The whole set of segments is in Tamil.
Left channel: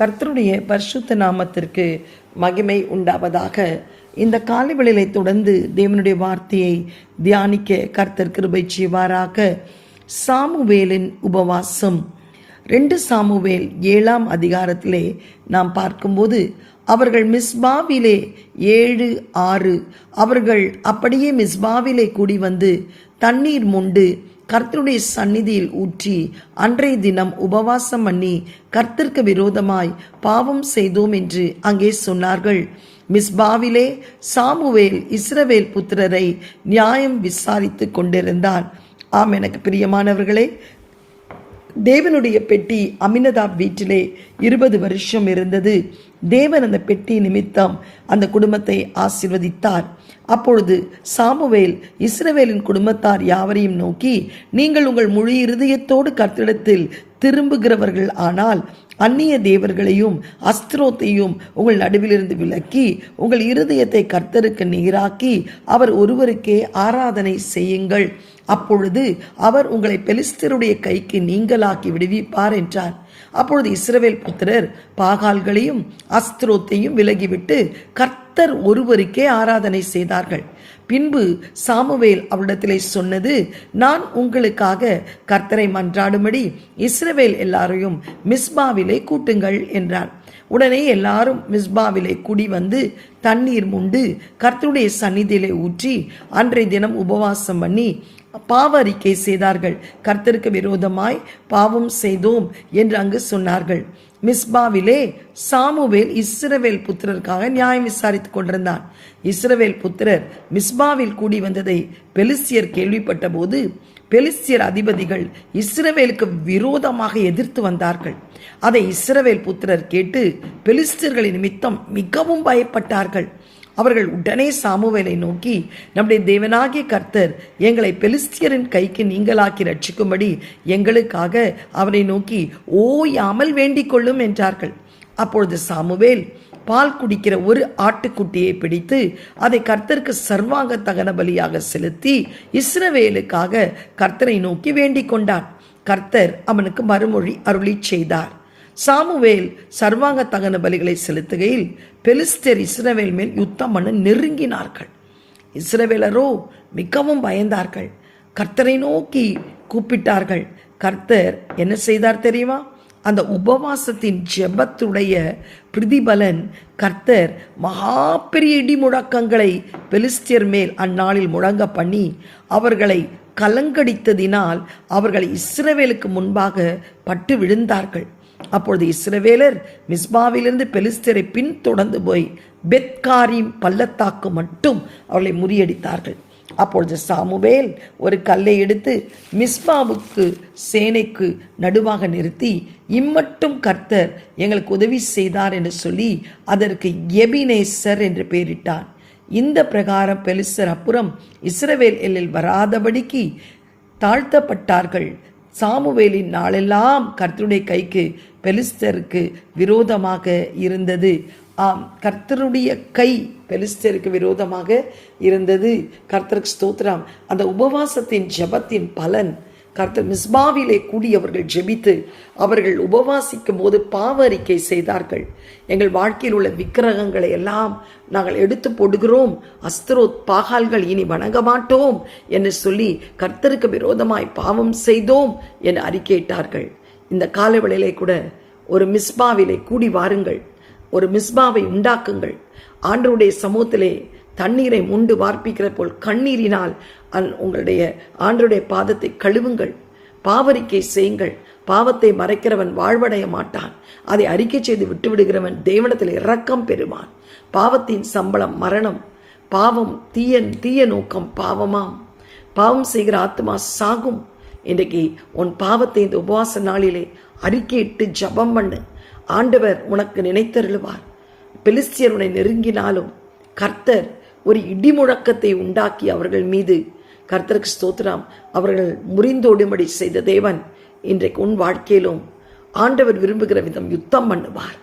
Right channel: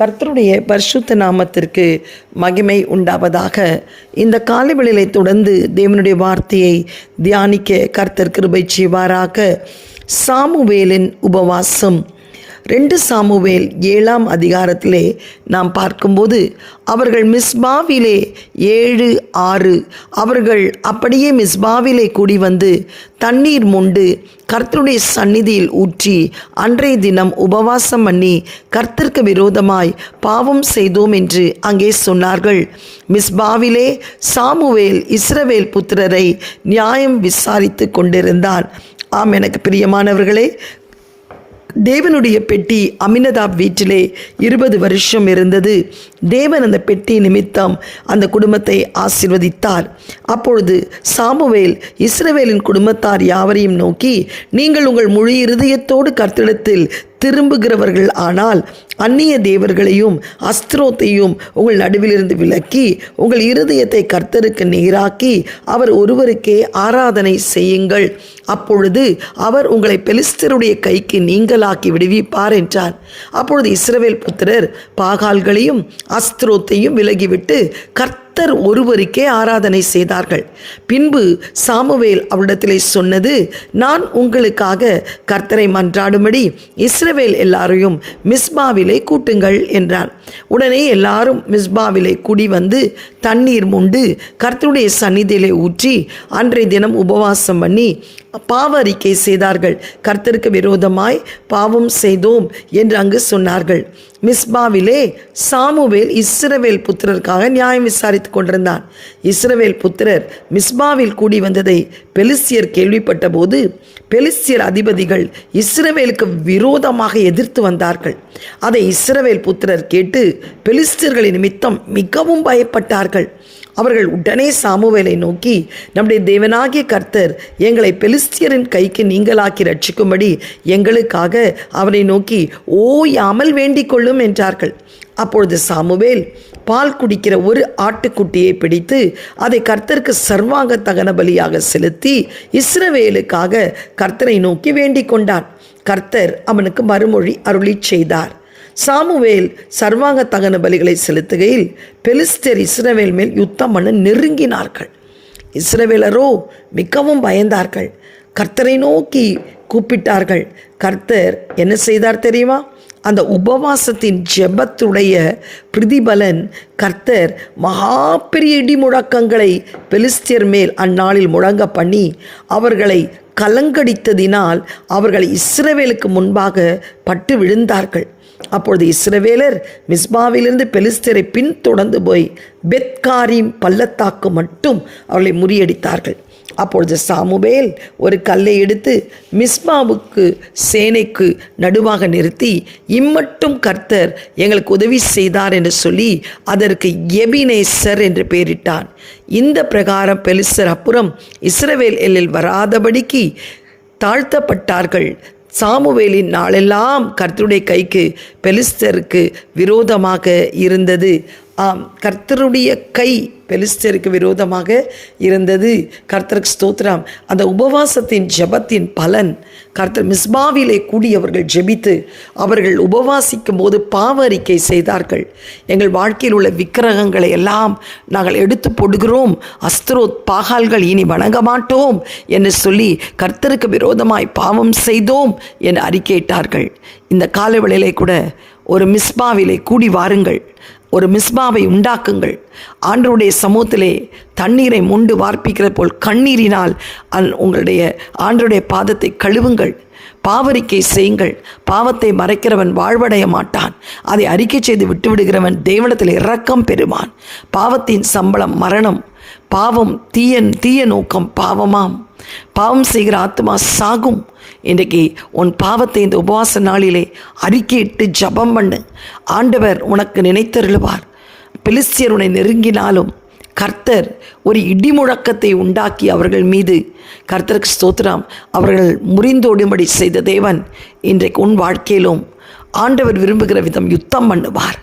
கர்த்தருடைய பரிசுத்த நாமத்திற்கு மகிமை உண்டாவதாக. இந்த காலைவெளியை தொடர்ந்து தேவனுடைய வார்த்தையை தியானிக்க கர்த்தர் கிருபை செய்வாராக. சாமுவேலின் உபவாசம். 2 சாமுவேல் 7ஆம் அதிகாரத்திலே நாம் பார்க்கும்போது அவர்கள் மிஸ்பாவிலே 7-6 அவர்கள் அப்படியே மிஸ்பாவிலே கூடி வந்து தண்ணீர் மொண்டு கர்த்தருடைய சந்நிதியில் ஊற்றி அன்றைய தினம் உபவாசம் பண்ணி கர்த்தருக்கு விரோதமாய் பாவம் செய்தோம் என்று அங்கே சொன்னார்கள். மிஸ்பாவிலே சாமுவேல் இஸ்ரவேல் புத்திரரை நியாயம் விசாரித்து கொண்டிருந்தான். ஆம், எனக்கு பிரியமானவர்களே, தேவனுடைய பெட்டி அமினதாப் வீட்டிலே 20 வருஷம் இருந்தது. தேவன் அந்த பெட்டி நிமித்தம் அந்த குடும்பத்தை ஆசீர்வதித்தார். அப்பொழுது சாமுவேல் இஸ்ரவேலின் குடும்பத்தார் யாவரையும் நோக்கி, நீங்கள் உங்கள் முழு இருதயத்தோடு கர்த்தரிடத்தில் திரும்புகிறவர்கள் ஆனால் அந்நிய தேவர்களையும் அஸ்திரோத்தையும் உங்கள் நடுவிலிருந்து விலக்கி உங்கள் இருதயத்தை கர்த்தருக்கு நேராக்கி அவர் ஒருவருக்கே ஆராதனை செய்யுங்கள். அப்பொழுது அவர் உங்களை பெலிஸ்தருடைய கைக்கு நீங்களாக்கி விடுவிப்பார் என்றார். அப்பொழுது இஸ்ரவேல் புத்திரர் பாகால்களையும் அஸ்திரோத்தையும் விலகிவிட்டு கர்த்தர் ஒருவருக்கே ஆராதனை செய்தார்கள். பின்பு சாமுவேல் அவரிடத்திலே சொன்னது, நான் உங்களுக்காக கர்த்தரை மன்றாடும்படி இஸ்ரவேல் எல்லாரையும் மிஸ்பாவிலே கூட்டுங்கள் என்றார். உடனே எல்லாரும் மிஸ்பாவிலே கூடி வந்து தண்ணீர் மொண்டு கர்த்தருடைய சந்நிதியிலே ஊற்றி அன்றைய தினம் உபவாசம் பண்ணி பாவ அறிக்கை செய்தார்கள். கர்த்தருக்கு விரோதமாய் பாவம் செய்தோம் என்று அங்கு சொன்னார்கள். மிஸ்பாவிலே சாமுவேல் இஸ்ரவேல் புத்திரருக்காக நியாயம் விசாரித்து கொண்டிருந்தான். இஸ்ரவேல் புத்திரர் மிஸ்பாவில் கூடி வந்ததை பெலிஸ்தியர் கேள்விப்பட்ட போது பெலிஸ்தியர் அதிபதிகள் இஸ்ரவேலுக்கு விரோதமாக எதிர்த்து வந்தார்கள். அதை இஸ்ரவேல் புத்திரர் கேட்டு பெலிஸ்தியர்களின் நிமித்தம் மிகவும் பயப்பட்டார்கள். அவர்கள் உடனே சாமுவேலை நோக்கி, நம்முடைய தேவனாகிய கர்த்தர் எங்களை பெலிஸ்தியரின் கைக்கு நீங்களாக்கி ரட்சிக்கும்படி எங்களுக்காக அவரை நோக்கி ஓயாமல் வேண்டிக் கொள்ளும் என்றார்கள். அப்பொழுது சாமுவேல் பால் குடிக்கிற ஒரு ஆட்டுக்குட்டியை பிடித்து அதை கர்த்தருக்கு சர்வாங்க தகன பலியாக செலுத்தி இஸ்ரவேலுக்காக கர்த்தரை நோக்கி வேண்டிக் கொண்டான். கர்த்தர் அவனுக்கு மறுமொழி அருளி செய்தார். சாமுவேல் சர்வாங்க தகன பலிகளை செலுத்துகையில் பெலிஸ்தர் இஸ்ரவேல் மேல் யுத்தம் பண்ண நெருங்கினார்கள். இஸ்ரவேலரோ மிகவும் பயந்தார்கள். கர்த்தரை நோக்கி கூப்பிட்டார்கள். கர்த்தர் என்ன செய்தார் தெரியுமா? அந்த உபவாசத்தின் ஜெபத்துடைய பிரதிபலன் கர்த்தர் மகா பெரிய இடி முழக்கங்களை பெலிஸ்தியர் மேல் அந்நாளில் முழங்க பண்ணி அவர்களை கலங்கடித்ததினால் அவர்கள் இஸ்ரவேலுக்கு முன்பாக பட்டு விழுந்தார்கள். அப்பொழுது இஸ்ரவேலர் மிஸ்பாவிலிருந்து பெலிஸ்தரை பின்தொடர்ந்து போய் பெத்காரிம் பள்ளத்தாக்கு மட்டும் அவர்களை முறியடித்தார்கள். அப்பொழுது சாமுவேல் ஒரு கல்லை எடுத்து மிஸ்பாவுக்கு சேனைக்கு நடுவாக நிறுத்தி, இம்மட்டும் கர்த்தர் எங்களுக்கு உதவி செய்தார் என்று சொல்லி அதற்கு எபினேசர் என்று பெயரிட்டான். இந்த பிரகாரம் பெலிஸ்தர் அப்புறம் இஸ்ரவேல் எல்லில் வராதபடிக்கு தாழ்த்தப்பட்டார்கள். சாமுவேலின் நாளெல்லாம் கர்த்தருடைய கைக்கு பெலிஸ்தருக்கு விரோதமாக இருந்தது. ஆம், கர்த்தருடைய கை பெலிஸ்தருக்கு விரோதமாக இருந்தது. கர்த்தருக்கு ஸ்தோத்திரம். அந்த உபவாசத்தின் ஜெபத்தின் பலன் கர்த்தர் மிஸ்பாவிலே கூடியவர்கள் ஜெபித்து அவர்கள் உபவாசிக்கும் போது பாவ அறிக்கை செய்தார்கள். எங்கள் வாழ்க்கையில் உள்ள விக்கிரகங்களை எல்லாம் நாங்கள் எடுத்து போடுகிறோம், அஸ்திரோத் பாகால்கள் இனி வணங்க மாட்டோம் என்று சொல்லி கர்த்தருக்கு விரோதமாய் பாவம் செய்தோம் என்று அறிக்கையிட்டார்கள். இந்த காலவேளையிலே கூட ஒரு மிஸ்பாவிலே கூடி வாருங்கள், ஒரு மிஸ்பாவை உண்டாக்குங்கள். ஆண்டவருடைய சமூகத்திலே தண்ணீரை மொண்டு வார்ப்பிக்கிற போல் கண்ணீரினால் உங்களுடைய ஆண்டவருடைய பாதத்தை கழுவுங்கள், பாவரிக்கை செய்யுங்கள். பாவத்தை மறைக்கிறவன் வாழ்வடைய மாட்டான், அதை அறிக்கை செய்து விட்டுவிடுகிறவன் தேவனிடத்தில் இரக்கம் பெறுவான். பாவத்தின் சம்பளம் மரணம். பாவம் தீய நோக்கம் பாவமாம். பாவம் செய்கிற ஆத்மா சாகும். இன்றைக்கு உன் பாவத்தை இந்த உபவாச நாளிலே அறிக்கையிட்டு ஜபம் பண்ணு. ஆண்டவர் உனக்கு நினைத்தருளுவார். பெலிஸ்தியர் உன்னை நெருங்கினாலும் கர்த்தர் ஒரு இடி முழக்கத்தை உண்டாக்கி அவர்கள் மீது, கர்த்தருக்கு ஸ்தோத்திரம், அவர்கள் முறிந்தோடும்படி செய்த தேவன் இன்றைக்கு உன் வாழ்க்கையிலும் ஆண்டவர் விரும்புகிற விதம் யுத்தம் பண்ணுவார்.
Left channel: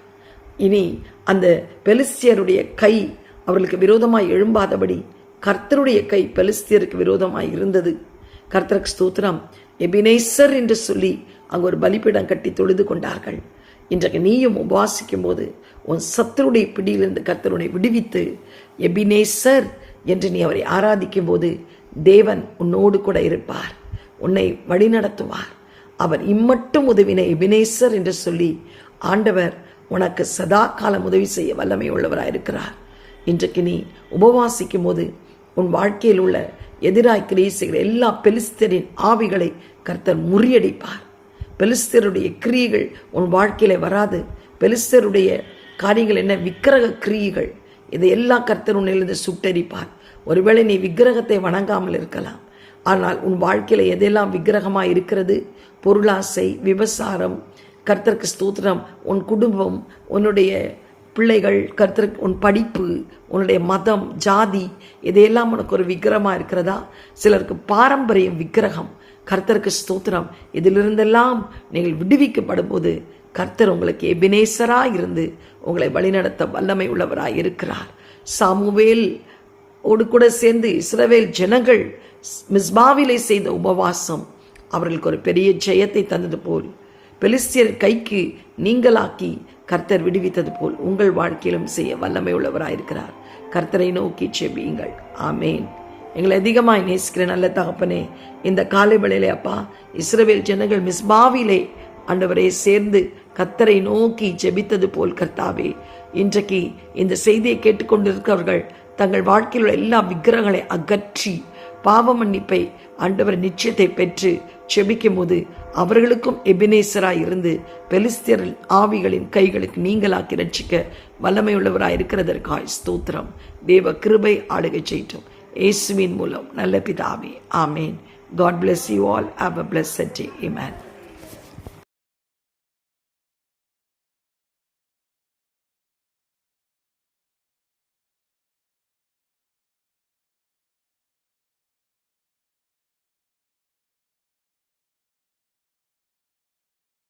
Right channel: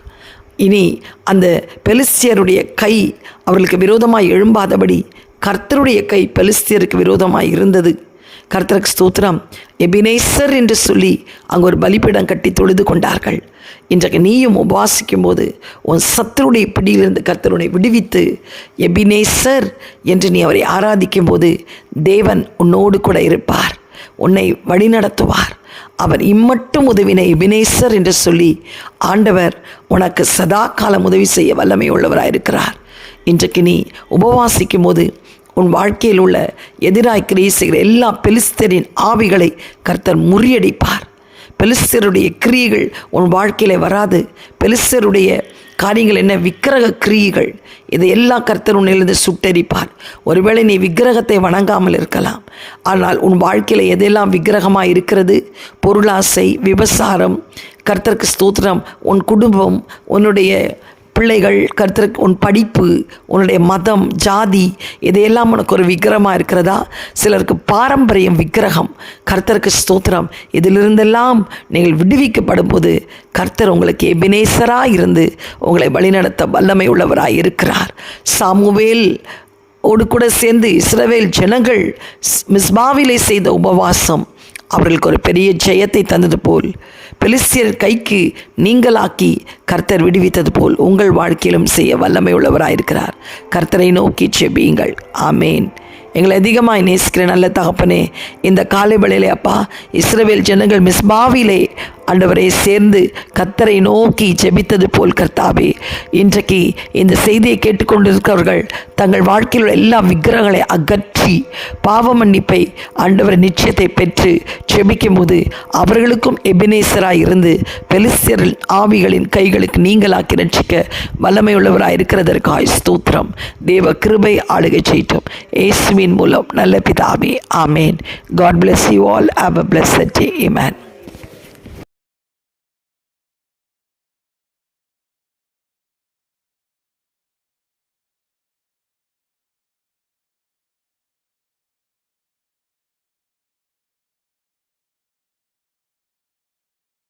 இனி அந்த பெலிஸ்தியருடைய கை அவர்களுக்கு விரோதமாய் எழும்பாதபடி கர்த்தருடைய கை பெலிஸ்தியருக்கு விரோதமாய் இருந்தது. கர்த்தருக்கு ஸ்தோத்திரம். எபினேசர் என்று சொல்லி அங்கே ஒரு பலிபீடம் கட்டி தொழுது கொண்டார்கள். இன்றைக்கு நீயும் உபவாசிக்கும் போது உன் சத்துருடைய பிடியிலிருந்து கர்த்தர் உன்னை விடுவித்து எபினேசர் என்று நீ அவரை ஆராதிக்கும் போது தேவன் உன்னோடு கூட இருப்பார், உன்னை வழிநடத்துவார். அவர் இம்மட்டும் உதவின எபினேசர் என்று சொல்லி ஆண்டவர் உனக்கு சதா காலம் உதவி செய்ய வல்லமை உள்ளவராயிருக்கிறார். இன்றைக்கு நீ உபவாசிக்கும் போது உன் வாழ்க்கையில் உள்ள எதிராய் கிரியை செய்கிற எல்லா பெலிஸ்தரின் ஆவிகளை கர்த்தர் முறியடிப்பார். பெலிஸ்தருடைய கிரியைகள் உன் வாழ்க்கையில் வராது. பெலிஸ்தருடைய காரியங்கள் என்ன? விக்கிரக கிரியைகள். இதையெல்லாம் கர்த்தர் உன்னிலிருந்து சுட்டெரிப்பார். ஒருவேளை நீ விக்கிரகத்தை வணங்காமல் இருக்கலாம், ஆனால் உன் வாழ்க்கையில் எதெல்லாம் விக்கிரகமாக இருக்கிறது? பொருளாசை, விபசாரம், கர்த்தருக்கு ஸ்தோத்திரம், உன் குடும்பம், உன்னுடைய பிள்ளைகள், கர்த்தருக்கு உன் படிப்பு, உன்னுடைய மதம், ஜாதி, இதையெல்லாம் உனக்கு ஒரு விக்கிரகமாக இருக்கிறதா? சிலருக்கு பாரம்பரியம் விக்கிரகம். கர்த்தருக்கு ஸ்தோத்திரம். இதிலிருந்தெல்லாம் நீங்கள் விடுவிக்கப்படும் போது கர்த்தர் உங்களுக்கு எபினேசராக இருந்து உங்களை வழிநடத்த வல்லமை உள்ளவராக இருக்கிறார். சாமுவேல் ஓடு கூட சேர்ந்து இஸ்ரவேல் ஜனங்கள் மிஸ்பாவிலே செய்த உபவாசம் அவர்களுக்கு ஒரு பெரிய ஜெயத்தை தந்தது போல், பெலிஸ்தியர் கைக்கு நீங்களாக்கி கர்த்தர் விடுவித்தது போல் உங்கள் வாழ்க்கையிலும் செய்ய வல்லமை உள்ளவராயிருக்கிறார். கர்த்தரை நோக்கி செபியுங்கள். ஆமேன். எங்களை அதிகமாக நேசிக்கிற நல்ல தகப்பனே, இந்த காலை வேளையிலே அப்பா, இஸ்ரவேல் ஜனங்கள் மிஸ்பாவிலே ஆண்டவரை சேர்ந்து கர்த்தரை நோக்கி ஜெபித்தது போல் கர்த்தாவே, இன்றைக்கு இந்த செய்தியை கேட்டுக்கொண்டிருக்கிறவர்கள் தங்கள் வாழ்க்கையில் உள்ள எல்லா விக்கிரகங்களை அகற்றி பாவ மன்னிப்பை ஆண்டவர் நிச்சயத்தை பெற்று ஜெபிக்கும் போது அவர்களுக்கும் எபினேசராக இருந்து பெலிஸ்தியர் ஆவிகளின் கைகளுக்கு நீங்களாக்கி ரட்சிக்க வல்லமை உள்ளவராக இருக்கிறதற்காய் ஸ்தோத்திரம். தேவ கிருபை ஆளுகை செய்யட்டும் இயேசுவின் மூலம் நல்ல பிதாவே. ஆமேன். God bless you all. Have a blessed day. Amen.